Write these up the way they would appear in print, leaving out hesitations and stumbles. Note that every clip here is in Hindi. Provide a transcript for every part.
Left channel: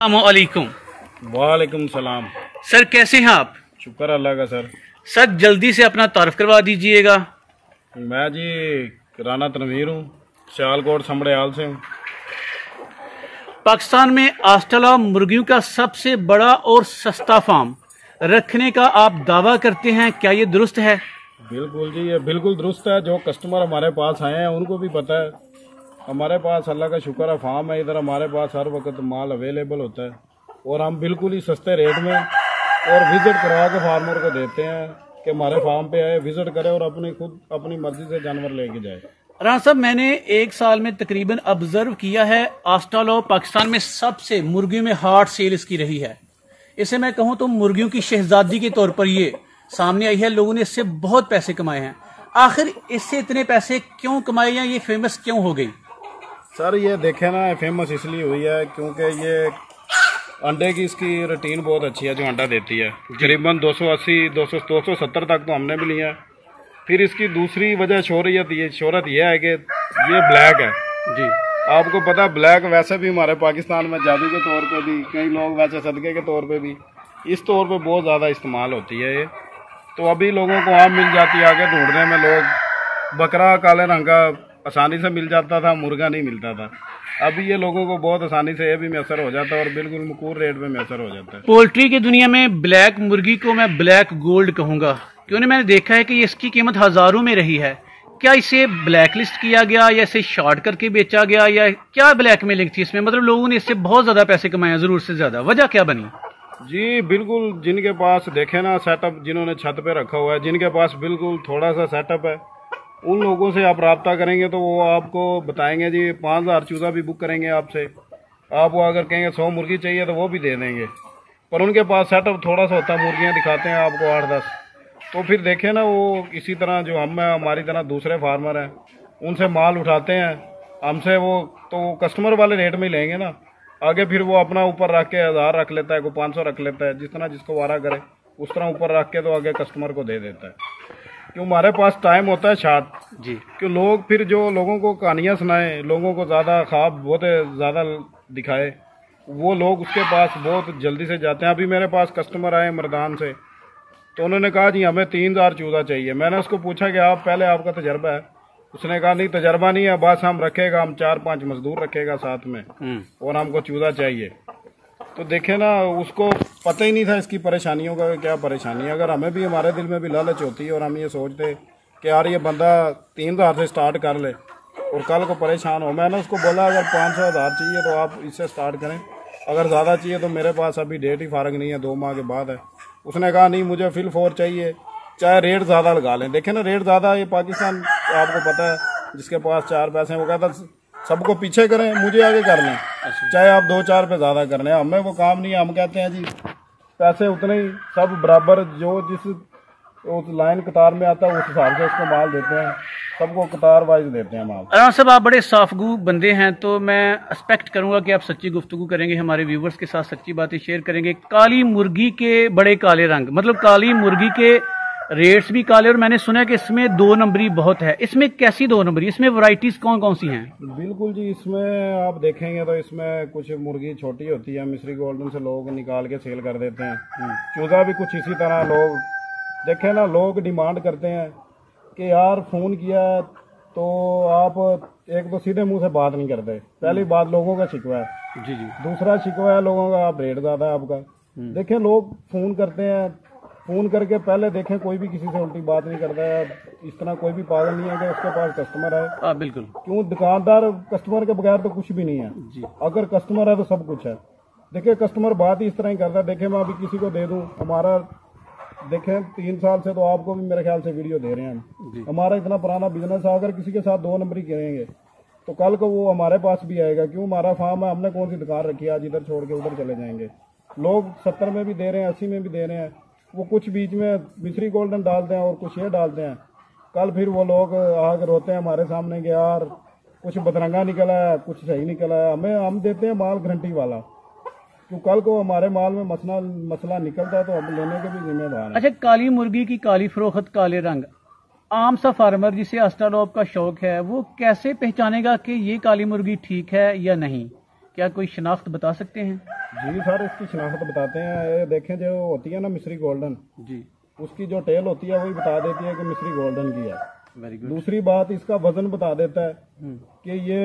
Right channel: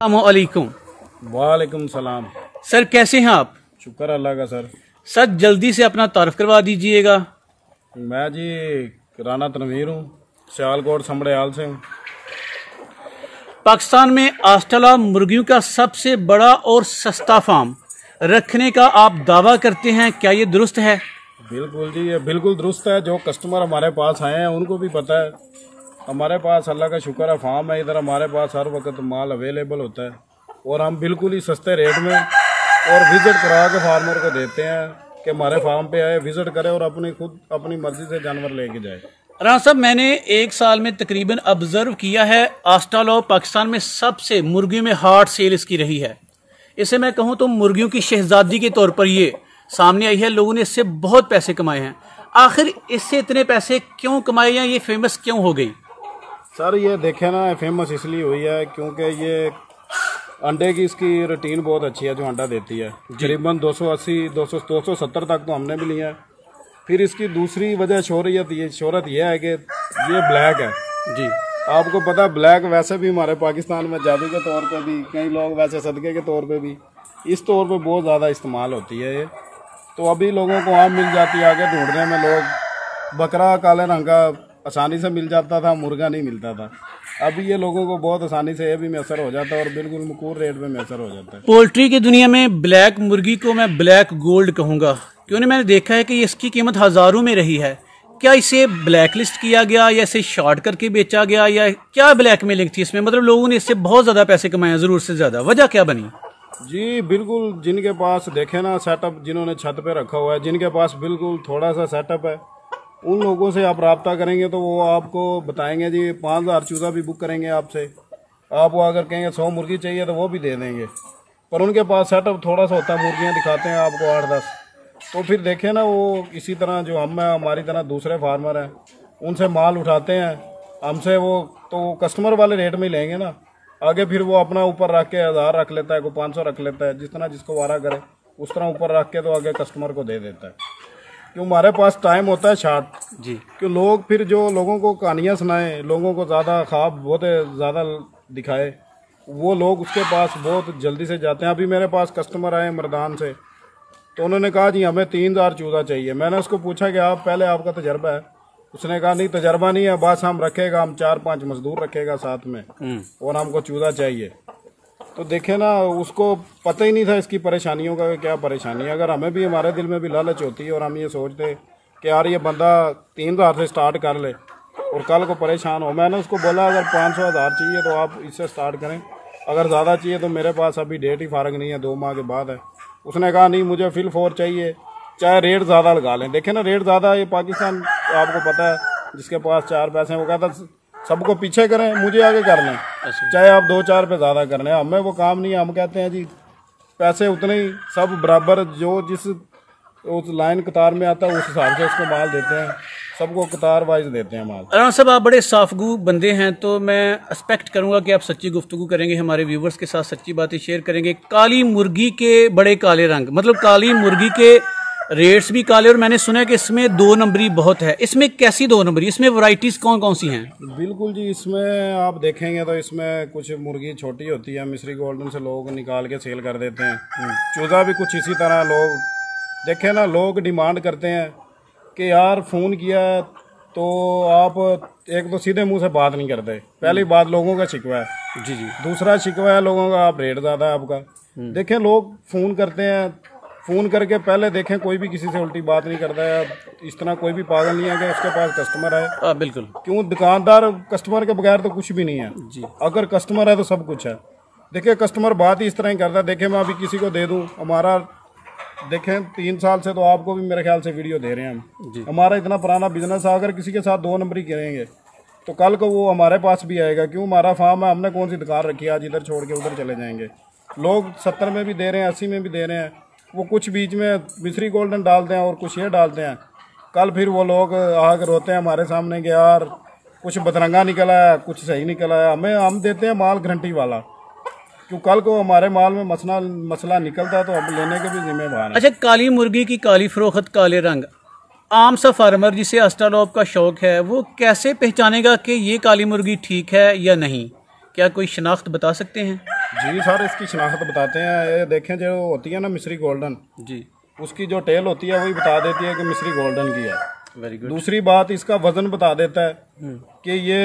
अस्सलामुअलैकुम। वालेकुम सलाम। सर कैसे हैं आप? शुक्र अल्लाह का सर। सर जल्दी से अपना तारुफ करवा दीजिएगा। मैं जी राना तनवीर हूँ, सियालकोट समड़ियाल से हूँ। पाकिस्तान में आस्ट्रेलिया मुर्गियों का सबसे बड़ा और सस्ता फार्म रखने का आप दावा करते हैं, क्या ये दुरुस्त है? बिल्कुल जी, ये बिल्कुल दुरुस्त है। जो कस्टमर हमारे पास आए हैं उनको भी पता है। हमारे पास अल्लाह का शुक्र है फार्म है, इधर हमारे पास हर वक्त माल अवेलेबल होता है और हम बिल्कुल ही सस्ते रेट में और विजिट करा के फार्मर को देते हैं कि हमारे फार्म पे आए, विजिट करे और अपनी मर्जी से जानवर लेके जाए। राना साहब, मैंने एक साल में तकरीबन ऑब्जर्व किया है आस्ट्रेलिया पाकिस्तान में सबसे मुर्गियों में हार्ड सेल इसकी रही है। इसे मैं कहूँ तो मुर्गियों की शहजादी के तौर पर ये सामने आई है। लोगों ने इससे बहुत पैसे कमाए हैं। आखिर इससे इतने पैसे क्यों कमाए हैं? ये फेमस क्यों हो गई? सर ये देखे ना, फेमस इसलिए हुई है क्योंकि ये अंडे की इसकी रूटीन बहुत अच्छी है जो अंडा देती है। करीबन 280 270 तक तो हमने भी लिया है। फिर इसकी दूसरी वजह शोहरत ये है कि ये ब्लैक है जी। आपको पता, ब्लैक वैसे भी हमारे पाकिस्तान में जादू के तौर पे भी, कई लोग वैसे सदके के तौर पे भी, इस तौर पे बहुत ज़्यादा इस्तेमाल होती है ये। तो अभी लोगों को आम मिल जाती है, आगे ढूंढने में लोग बकरा काले रंग का आसानी से मिल जाता था, मुर्गा नहीं मिलता था। अभी ये लोगों को बहुत आसानी से ये भी मैसर हो जाता है और बिल्कुल मकूर रेट में मैसर हो जाता है। पोल्ट्री की दुनिया में ब्लैक मुर्गी को मैं ब्लैक गोल्ड कहूंगा, क्योंकि मैंने देखा है कि इसकी कीमत हजारों में रही है। क्या इसे ब्लैक लिस्ट किया गया या इसे शॉर्ट करके बेचा गया, या क्या ब्लैक मेलिंग थी इसमें? मतलब लोगों ने इससे बहुत ज्यादा पैसे कमाए, जरूर से ज्यादा। वजह क्या बनी? जी बिल्कुल, जिनके पास देखे ना सेटअप, जिन्होंने छत पे रखा हुआ है, जिनके पास बिल्कुल थोड़ा सा सेटअप है, उन लोगों से आप रब्ता करेंगे तो वो आपको बताएंगे जी 5000 चूज़ा भी बुक करेंगे आपसे। आप वो अगर कहेंगे 100 मुर्गी चाहिए तो वो भी दे देंगे। पर उनके पास सेटअप थोड़ा सा होता है, मुर्गियाँ दिखाते हैं आपको 8-10। तो फिर देखें ना, वो इसी तरह जो हम हैं, हमारी तरह दूसरे फार्मर हैं, उनसे माल उठाते हैं हमसे। वो तो कस्टमर वाले रेट में ही लेंगे ना, आगे फिर वो अपना ऊपर रख के 1000 रख लेता है, कोई 500 रख लेता है, जिस तरह जिसको वारा करे उस तरह ऊपर रख के तो आगे कस्टमर को दे देता है। क्यों हमारे पास टाइम होता है शार्ट जी। क्यों लोग फिर जो लोगों को कहानियाँ सुनाए, लोगों को ज़्यादा ख्वाब बहुत ज़्यादा दिखाए, वो लोग उसके पास बहुत जल्दी से जाते हैं। अभी मेरे पास कस्टमर आए मर्दान से, तो उन्होंने कहा जी हमें 3000 चूज़ा चाहिए। मैंने उसको पूछा कि आप पहले आपका तजर्बा है? उसने कहा नहीं तजर्बा नहीं है, बस हम रखेगा, हम 4-5 मजदूर रखेगा साथ में और हमको चूज़ा चाहिए। तो देखे ना, उसको पता ही नहीं था इसकी परेशानियों का क्या परेशानी है। अगर हमें भी, हमारे दिल में भी लालच होती है और हम ये सोचते कि यार ये बंदा 3000 से स्टार्ट कर ले और कल को परेशान हो। मैंने उसको बोला अगर 500-1000 चाहिए तो आप इससे स्टार्ट करें, अगर ज़्यादा चाहिए तो मेरे पास अभी डेट ही फारग नहीं है, 2 माह के बाद है। उसने कहा नहीं मुझे फिल 4 चाहिए, चाहे रेट ज़्यादा लगा लें। देखे ना रेट ज़्यादा, ये पाकिस्तान आपको पता है, जिसके पास 4 पैसे हैं वो कहता सबको पीछे करें, मुझे आगे कर लें, चाहे आप 2-4 पे ज़्यादा कर लें। हमें वो काम नहीं है। हम कहते हैं जी पैसे उतने ही, सब बराबर, जो जिस उस लाइन कतार में आता है उस हिसाब से उसको माल देते हैं, सबको कतार वाइज देते हैं माल। राना साहब, आप बड़े साफगू बंदे हैं, तो मैं एक्सपेक्ट करूंगा कि आप सच्ची गुफ्तगू करेंगे, हमारे व्यूवर्स के साथ सच्ची बातें शेयर करेंगे। काली मुर्गी के बड़े काले रंग, मतलब काली मुर्गी के रेट्स भी काले, और मैंने सुना है कि इसमें 2 नंबरी बहुत है। इसमें कैसी 2 नंबरी? इसमें वैरायटीज कौन कौन सी हैं? बिल्कुल जी, इसमें आप देखेंगे तो इसमें कुछ मुर्गी छोटी होती है, मिस्री गोल्डन से लोग निकाल के सेल कर देते हैं। चूज़ा भी कुछ इसी तरह लोग देखें ना, लोग डिमांड करते हैं कि यार फ़ोन किया तो आप एक तो सीधे मुंह से बात नहीं करते, पहली बात लोगों का शिकवा है जी जी। दूसरा शिकवा है लोगों का, आप रेट ज़्यादा है आपका। देखें लोग फ़ोन करते हैं, फ़ोन करके पहले देखें कोई भी किसी से उल्टी बात नहीं करता है। इस तरह कोई भी पागल नहीं है कि उसके पास कस्टमर है। बिल्कुल। क्यों, दुकानदार कस्टमर के बगैर तो कुछ भी नहीं है जी। अगर कस्टमर है तो सब कुछ है। देखिए कस्टमर बात ही इस तरह ही करता है। देखें मैं अभी किसी को दे दूं, हमारा देखें 3 साल से तो आपको भी मेरे ख्याल से वीडियो दे रहे हैं हम जी। हमारा इतना पुराना बिजनेस है। अगर किसी के साथ 2 नंबरी करेंगे तो कल को वो हमारे पास भी आएगा। क्यों, हमारा फार्म है, हमने कौन सी दुकान रखी है आज इधर छोड़ के उधर चले जाएंगे। लोग 70 में भी दे रहे हैं, 80 में भी दे रहे हैं, वो कुछ बीच में मिस्री गोल्डन डालते हैं और कुछ ये डालते हैं। कल फिर वो लोग आकर रोते हैं हमारे सामने कि यार कुछ बदरंगा निकला है, कुछ सही निकला है। हम देते हैं माल गारंटी वाला, क्यों कल को हमारे माल में मसला निकलता है तो हम लेने के भी जिम्मेदार हैं। अच्छा, काली मुर्गी की काली फरोख्त, काले रंग, आम सा फार्मर जिसे आस्ट्रेलिया का शौक है वो कैसे पहचानेगा कि ये काली मुर्गी ठीक है या नहीं? क्या कोई शनाख्त बता सकते हैं? जी सर, इसकी शनाख्त बताते हैं। ये देखें, जो होती है ना मिस्री गोल्डन जी, उसकी जो टेल होती है वही बता देती है कि मिस्री गोल्डन की है। Very good. दूसरी बात, इसका वजन बता देता है कि ये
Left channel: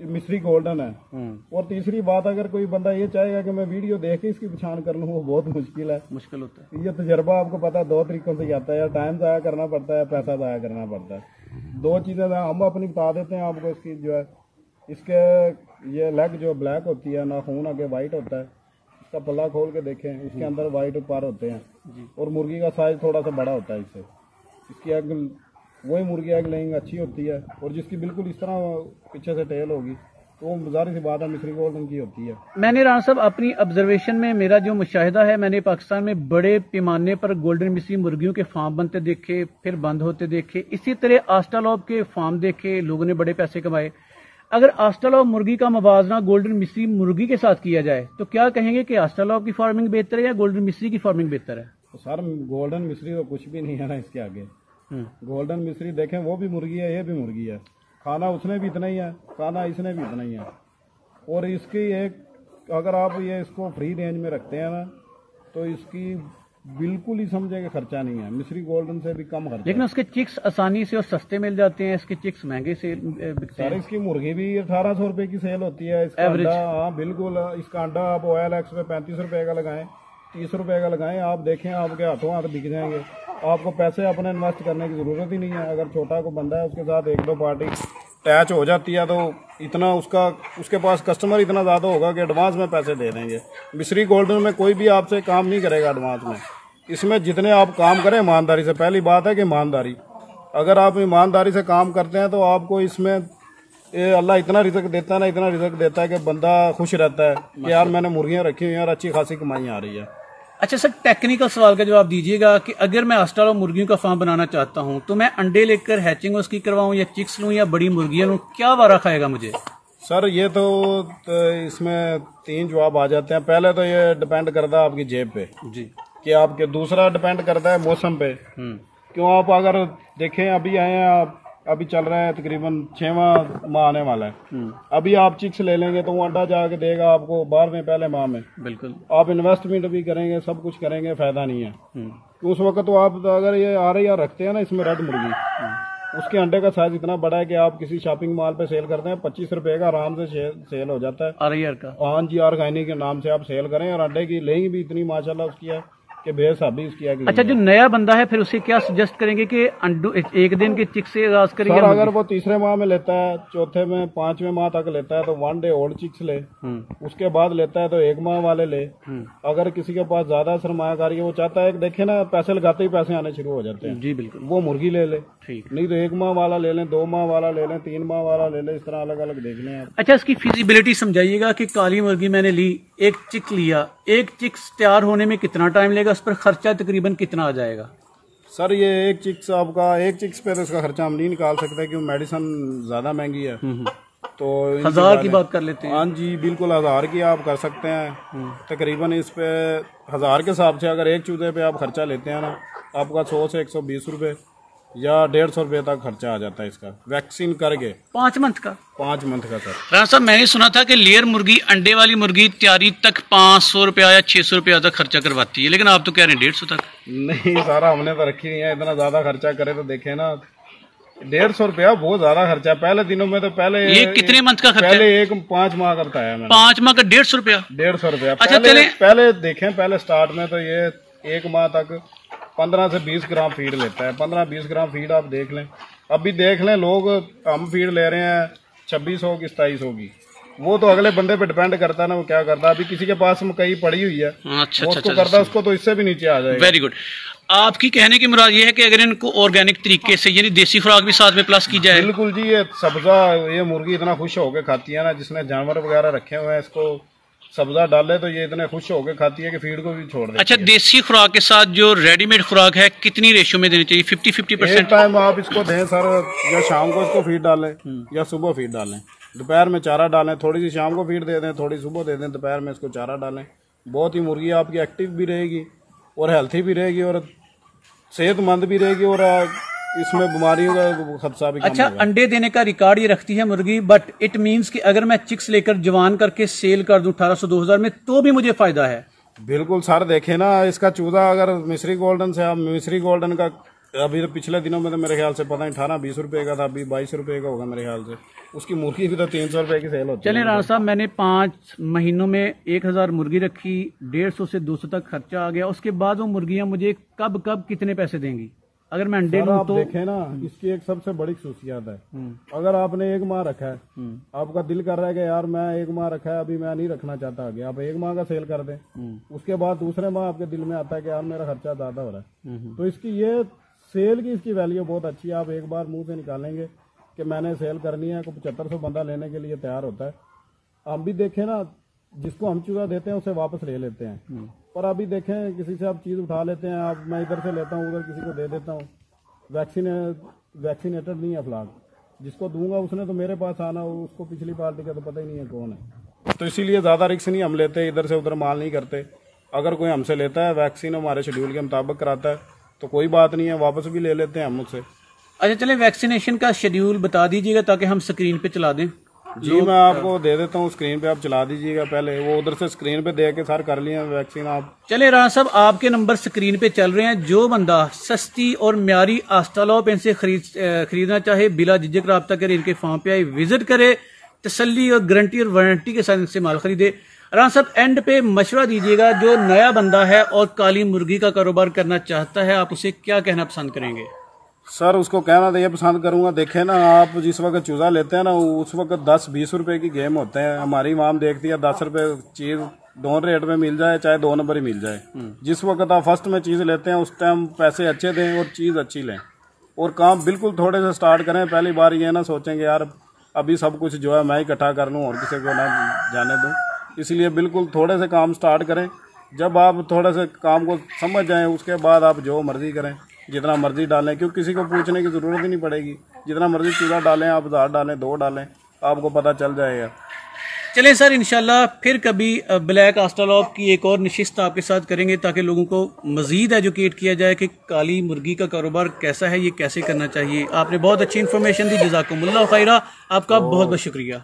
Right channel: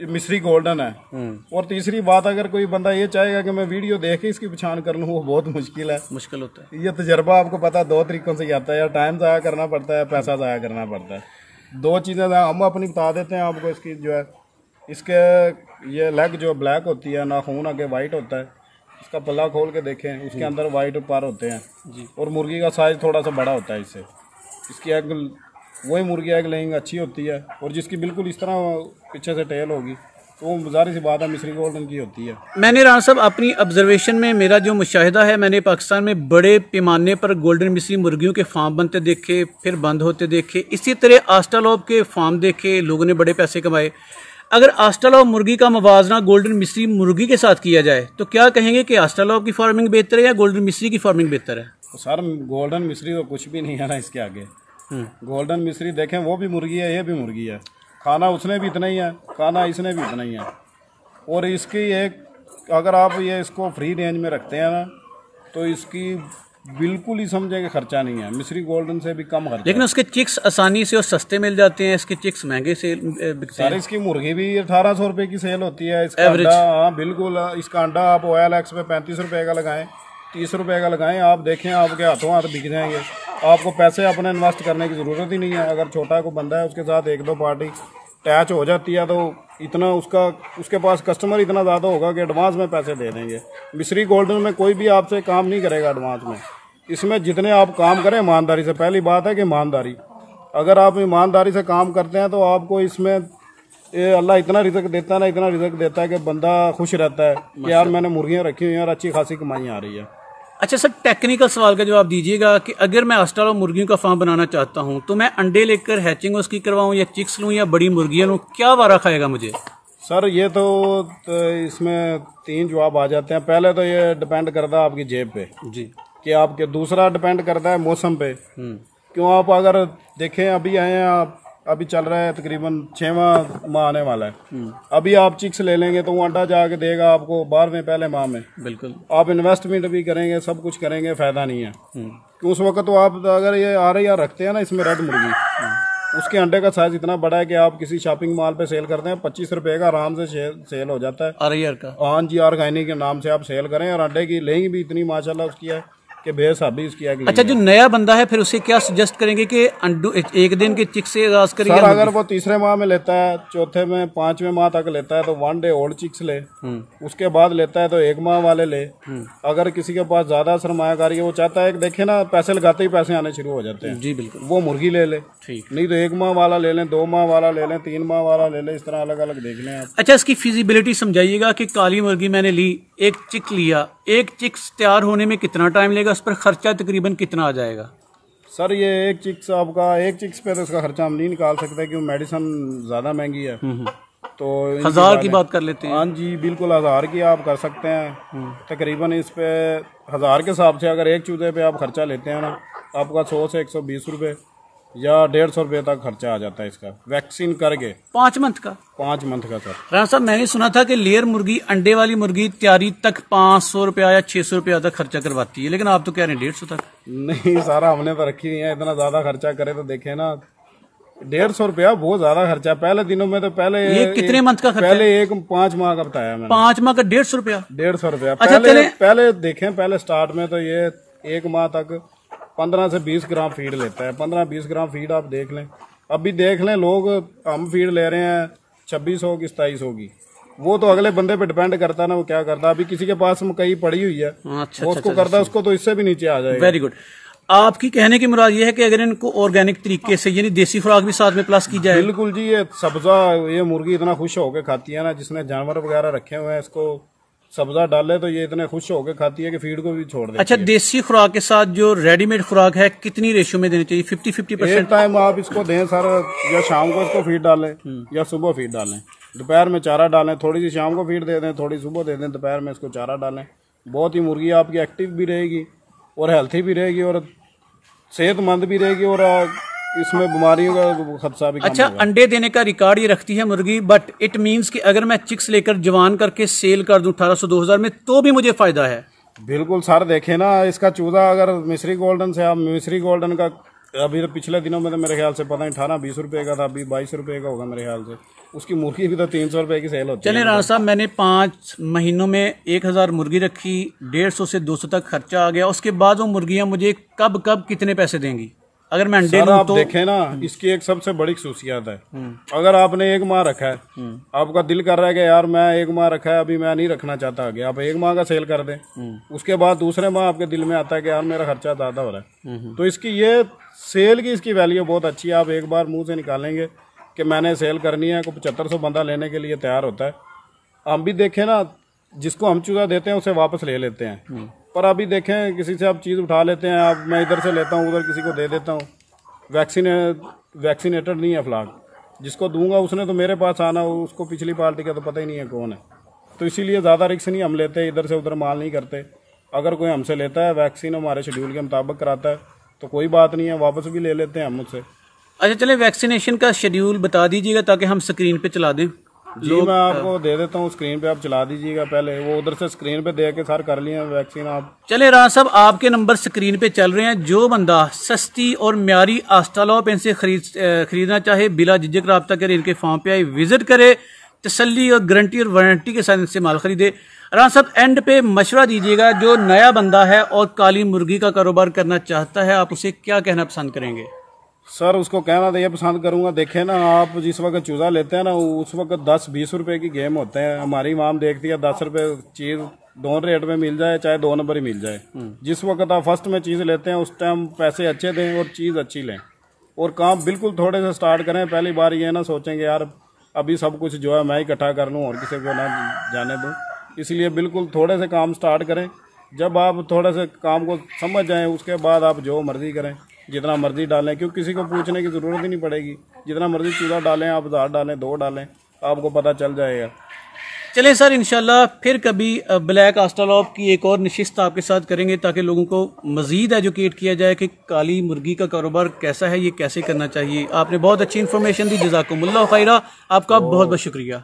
मिस्री गोल्डन है। और तीसरी बात, अगर कोई बंदा ये चाहेगा कि मैं वीडियो देख के इसकी पहचान कर लूँ, वो बहुत मुश्किल है। मुश्किल होता है। ये तजर्बा आपको पता 2 तरीकों से आता है, या टाइम ज़ाया करना पड़ता है, पैसा ज़ाया करना पड़ता है। 2 चीज़ें हम अपनी बता देते हैं आपको। इसकी जो है, इसके ये लेग जो ब्लैक होती है, नाखून आगे वाइट होता है। इसका पल्ला खोल के देखें, उसके अंदर वाइट पर होते हैं जी। और मुर्गी का साइज़ थोड़ा सा बड़ा होता है इससे। इसकी एग, वही मुर्गी एग लेइंग अच्छी होती है। और जिसकी बिल्कुल इस तरह पीछे से टेल होगी तो वो ज़ाहिर सी बात है मिस्री गोल्डन की होती है। मैंने राना साहब अपनी ऑब्जर्वेशन में, मेरा जो मुशाहिदा है, मैंने पाकिस्तान में बड़े पैमाने पर गोल्डन मिस्री मुर्गियों के फार्म बनते देखे, फिर बंद होते देखे। इसी तरह आस्ट्रालोप के फार्म देखे, लोगों ने बड़े पैसे कमाए। अगर आस्ट्रालोप मुर्गी का मुवाजना गोल्डन मिस्री मुर्गी के साथ किया जाए तो क्या कहेंगे कि आस्ट्रालोप की फार्मिंग बेहतर है या गोल्डन मिस्री की फार्मिंग बेहतर है? तो सर, गोल्डन मिस्री तो कुछ भी नहीं है ना इसके आगे। गोल्डन मिस्री देखें, वो भी मुर्गी है, ये भी मुर्गी है। खाना उसने भी इतना ही है, खाना इसने भी इतना ही है। और इसकी एक, अगर आप ये इसको फ्री रेंज में रखते हैं ना, तो इसकी बिल्कुल ही समझे कि खर्चा नहीं है। मिस्री गोल्डन से भी कम खर्चा। लेकिन उसके चिक्स आसानी से और सस्ते मिल जाते हैं, इसके चिक्स महंगे से बिकते हैं। सर, इसकी मुर्गी भी 1800 रुपये की सेल होती है। इसका अंडा, हाँ बिल्कुल, इसका अंडा आप OLX पे 35 रुपये का लगाएं, 30 रुपये का लगाएं, आप देखें आपके हाथों हाथ बिक जाएंगे। आपको पैसे अपने इन्वेस्ट करने की ज़रूरत ही नहीं है। अगर छोटा को बंदा है, उसके साथ 1-2 पार्टी अटैच हो जाती है तो इतना उसके पास कस्टमर इतना ज़्यादा होगा कि एडवांस में पैसे दे देंगे। मिस्री गोल्डन में कोई भी आपसे काम नहीं करेगा एडवांस में। इसमें जितने आप काम करें ईमानदारी से, पहली बात है कि ईमानदारी, अगर आप ईमानदारी से काम करते हैं तो आपको इसमें अल्लाह इतना रिज़्क देता है ना, इतना रिज़्क देता है कि बंदा खुश रहता है कि यार मैंने मुर्गियाँ रखी हुई हैं और अच्छी खासी कमाई आ रही है। अच्छा सर, टेक्निकल सवाल का जवाब दीजिएगा कि अगर मैं आस्ट्रालोप मुर्गियों का फार्म बनाना चाहता हूं तो मैं अंडे लेकर हैचिंग उसकी करवाऊं या चिक्स लूं या बड़ी मुर्गियां लूं, क्या वारा खाएगा मुझे? सर, ये तो इसमें 3 जवाब आ जाते हैं। पहले तो ये डिपेंड करता है आपकी जेब पे जी कि आपके, दूसरा डिपेंड करता है मौसम पे। क्यों, आप अगर देखें, अभी आए हैं आप, अभी चल रहा है तकरीबन 6वां माह आने वाला है। अभी आप चिक्स ले लेंगे तो वो अंडा जाके देगा आपको 12वें पहले माह में। बिल्कुल। आप इन्वेस्टमेंट भी करेंगे, सब कुछ करेंगे, फायदा नहीं है। कि उस वक्त तो आप अगर ये RIR रखते हैं ना, इसमें रेड मुर्गी, उसके अंडे का साइज इतना बड़ा है कि आप किसी शॉपिंग मॉल पे सेल करते हैं 25 रुपए का आराम से सेल हो जाता है। RIR का, हाँ जी, ऑर्गेनिक के नाम से आप सेल करें, और अंडे की लेंगी भी इतनी माशाल्लाह उसकी है कि बेहसाबी इसकी है। अच्छा, जो नया बंदा है फिर उसे क्या सजेस्ट करेंगे कि एक दिन के चिक्स से आगाज करिए? सर, अगर वो 3रे माह में लेता है, 4थे में, 5वें माह तक लेता है तो 1 डे ओल्ड चिक्स ले। उसके बाद लेता है तो 1 माह वाले ले। अगर किसी के पास ज्यादा सरमायाकारी है, वो चाहता है कि देखे ना पैसे लगाते ही पैसे आने शुरू हो जाते हैं, जी बिल्कुल, वो मुर्गी ले ले। ठीक, नहीं तो 1 माह वाला ले लें, 2 माह वाला ले लें, 3 माह वाला ले लें, इस तरह अलग अलग देख लें आप। अच्छा, इसकी फिजिबिलिटी समझाइएगा कि काली मुर्गी मैंने ली, एक चिक लिया, एक चिक्स तैयार होने में कितना टाइम लेगा, उस पर खर्चा तकरीबन कितना आ जाएगा? सर, ये एक चिक्स पे तो इसका खर्चा हम नहीं निकाल सकते क्योंकि मेडिसिन ज्यादा महंगी है। तो 1000 की बात कर लेते हैं। हाँ जी बिल्कुल, 1000 की आप कर सकते हैं। तकरीबन इस पे 1000 के हिसाब से अगर एक चूजे पे आप खर्चा लेते हैं ना, आपका 100 से 120 रुपए या 150 रुपए तक खर्चा आ जाता है इसका, वैक्सीन करके। 5 मंथ का? 5 मंथ का। सर राना साहब, मैंने सुना था कि लेयर मुर्गी, अंडे वाली मुर्गी तैयारी तक 500 रुपया या 600 रुपया तक खर्चा करवाती है, लेकिन आप तो कह रहे हैं 150 तक। नहीं सारा, हमने तो रखी नहीं है, इतना ज्यादा खर्चा करे तो देखे ना, 150 रुपया बहुत ज्यादा खर्चा है। पहले दिनों में तो पहले ये कितने मंथ का खर्चा? पहले 5 माह का बताया मैंने। 5 माह का 150 रुपया? 150 रुपया। अच्छा, पहले देखें, पहले स्टार्ट में तो ये 1 माह तक 15 से 20 ग्राम फीड लेता है। 15-20 ग्राम फीड आप देख लें। अभी देख लें, लोग, हम फीड ले रहे हैं 2600 की, 2700 की। वो तो अगले बंदे पे डिपेंड करता है ना, वो क्या करता है। अभी किसी के पास मकई पड़ी हुई है, अच्छा, उसको करता है, उसको तो इससे भी नीचे आ जाएगा। Very good. आपकी कहने की मुराद ये है कि अगर इनको ऑर्गेनिक तरीके से, यानी देसी खुराक भी साथ में प्लस की जाए? बिल्कुल जी, ये सब्जा, ये मुर्गी इतना खुश होकर खाती है ना, जिसने जानवर वगैरह रखे हुए हैं, इसको सब्जा डाले तो ये इतने खुश होकर खाती है कि फीड को भी छोड़ देती है। अच्छा, देसी खुराक के साथ जो रेडीमेड खुराक है, कितनी रेशियो में देनी चाहिए? 50-50%? एक टाइम आप इसको दें सर, या शाम को इसको फीड डालें या सुबह फीड डालें। दोपहर में चारा डालें, थोड़ी सी शाम को फीड दे दें, थोड़ी सुबह दे दें, दोपहर में इसको चारा डालें। बहुत ही मुर्गी आपकी एक्टिव भी रहेगी और हेल्थी भी रहेगी और सेहतमंद भी रहेगी और इसमें बीमारियों का खदशा भी अच्छा, अंडे देने का रिकॉर्ड ये रखती है मुर्गी, बट इट मींस कि अगर मैं चिक्स लेकर जवान करके सेल कर दूं 1800-2000 में तो भी मुझे फायदा है? बिल्कुल सर, देखे ना इसका चूजा अगर मिस्री गोल्डन से, आप मिस्री गोल्डन का अभी तो पिछले दिनों में तो मेरे ख्याल से पता नहीं 18-20 रुपए का था, अभी 22 रुपए का होगा मेरे ख्याल से। उसकी मुर्गी भी तो 300 रुपए की सेल होती है। चलिए राणा साहब, मैंने 5 महीनों में 1000 मुर्गी रखी, 150 से 200 तक खर्चा आ गया। उसके बाद वो मुर्गियां मुझे कब कब कितने पैसे देंगी अगर मैं अंडे लूं? आप तो देखें ना, इसकी एक सबसे बड़ी खसूसियत है, अगर आपने 1 माह रखा है, आपका दिल कर रहा है कि यार मैं 1 माह रखा है, अभी मैं नहीं रखना चाहता आगे, आप 1 माह का सेल कर दें, उसके बाद दूसरे माह आपके दिल में आता है कि यार मेरा खर्चा ज़्यादा हो रहा है, तो इसकी ये सेल की इसकी वैल्यू बहुत अच्छी है। आप एक बार मुंह से निकालेंगे कि मैंने सेल करनी है, को 7500 बंदा लेने के लिए तैयार होता है। हम भी देखें ना, जिसको हम चूजा देते हैं उसे वापस ले लेते हैं, पर अभी देखें किसी से आप चीज़ उठा लेते हैं, आप मैं इधर से लेता हूँ उधर किसी को दे देता हूँ, वैक्सीनेटेड नहीं है फ्लॉक, जिसको दूंगा उसने तो मेरे पास आना, उसको पिछली पार्टी का तो पता ही नहीं है कौन है, तो इसीलिए ज़्यादा रिस्क नहीं हम लेते, इधर से उधर माल नहीं करते। अगर कोई हमसे लेता है, वैक्सीन हमारे शेड्यूल के मुताबिक कराता है तो कोई बात नहीं है, वापस भी ले लेते हैं हम उससे। अच्छा चलिए, वैक्सीनेशन का शेड्यूल बता दीजिएगा ताकि हम स्क्रीन पे चला दें। जी मैं आपको दे देता हूँ, स्क्रीन पे आप चला दीजिएगा, पहले वो उधर से स्क्रीन पे दे के सर कर लिए वैक्सीन आप। चले राणा साहब, आपके नंबर स्क्रीन पे चल रहे हैं, जो बंदा सस्ती और म्यारी आस्टालॉप इनसे खरीदना चाहे बिला झिझक रब्ता करे, इनके फार्म पे आए, विजिट करे, तसल्ली और गारंटी और वारंटी के साथ इनसे माल खरीदे। राणा साहब, एंड पे मशवरा दीजिएगा, जो नया बंदा है और काली मुर्गी का कारोबार करना चाहता है, आप उसे क्या कहना पसंद करेंगे? सर उसको कहना तो ये पसंद करूंगा, देखे ना आप जिस वक्त चूजा लेते हैं ना, उस वक्त 10-20 रुपए की गेम होते हैं। हमारी माम देखती है 10 रुपए चीज दोनों रेट में मिल जाए, चाहे 2 नंबर ही मिल जाए। जिस वक्त आप फर्स्ट में चीज लेते हैं उस टाइम पैसे अच्छे दें और चीज अच्छी लें, और काम बिल्कुल थोड़े से स्टार्ट करें। पहली बार ये ना सोचेंगे यार अभी सब कुछ जो है मैं इकट्ठा कर लूँ और किसी को ना जाने दूँ, इसलिए बिल्कुल थोड़े से काम स्टार्ट करें। जब आप थोड़े से काम को समझ जाएं उसके बाद आप जो मर्जी करें, जितना मर्जी डालें, क्योंकि किसी को पूछने की ज़रूरत ही नहीं पड़ेगी। जितना मर्जी चूजा डालें आप, 1000 डालें, 2 डालें, आपको पता चल जाएगा। चलें सर, इंशाल्लाह फिर कभी ब्लैक आस्टालॉप की एक और नशिस्त आपके साथ करेंगे ताकि लोगों को मजीद एजुकेट किया जाए कि काली मुर्गी का कारोबार कैसा है, ये कैसे करना चाहिए। आपने बहुत अच्छी इन्फॉर्मेशन दी, जज़ाकुमुल्लाह खैरा, आपका बहुत बहुत शुक्रिया।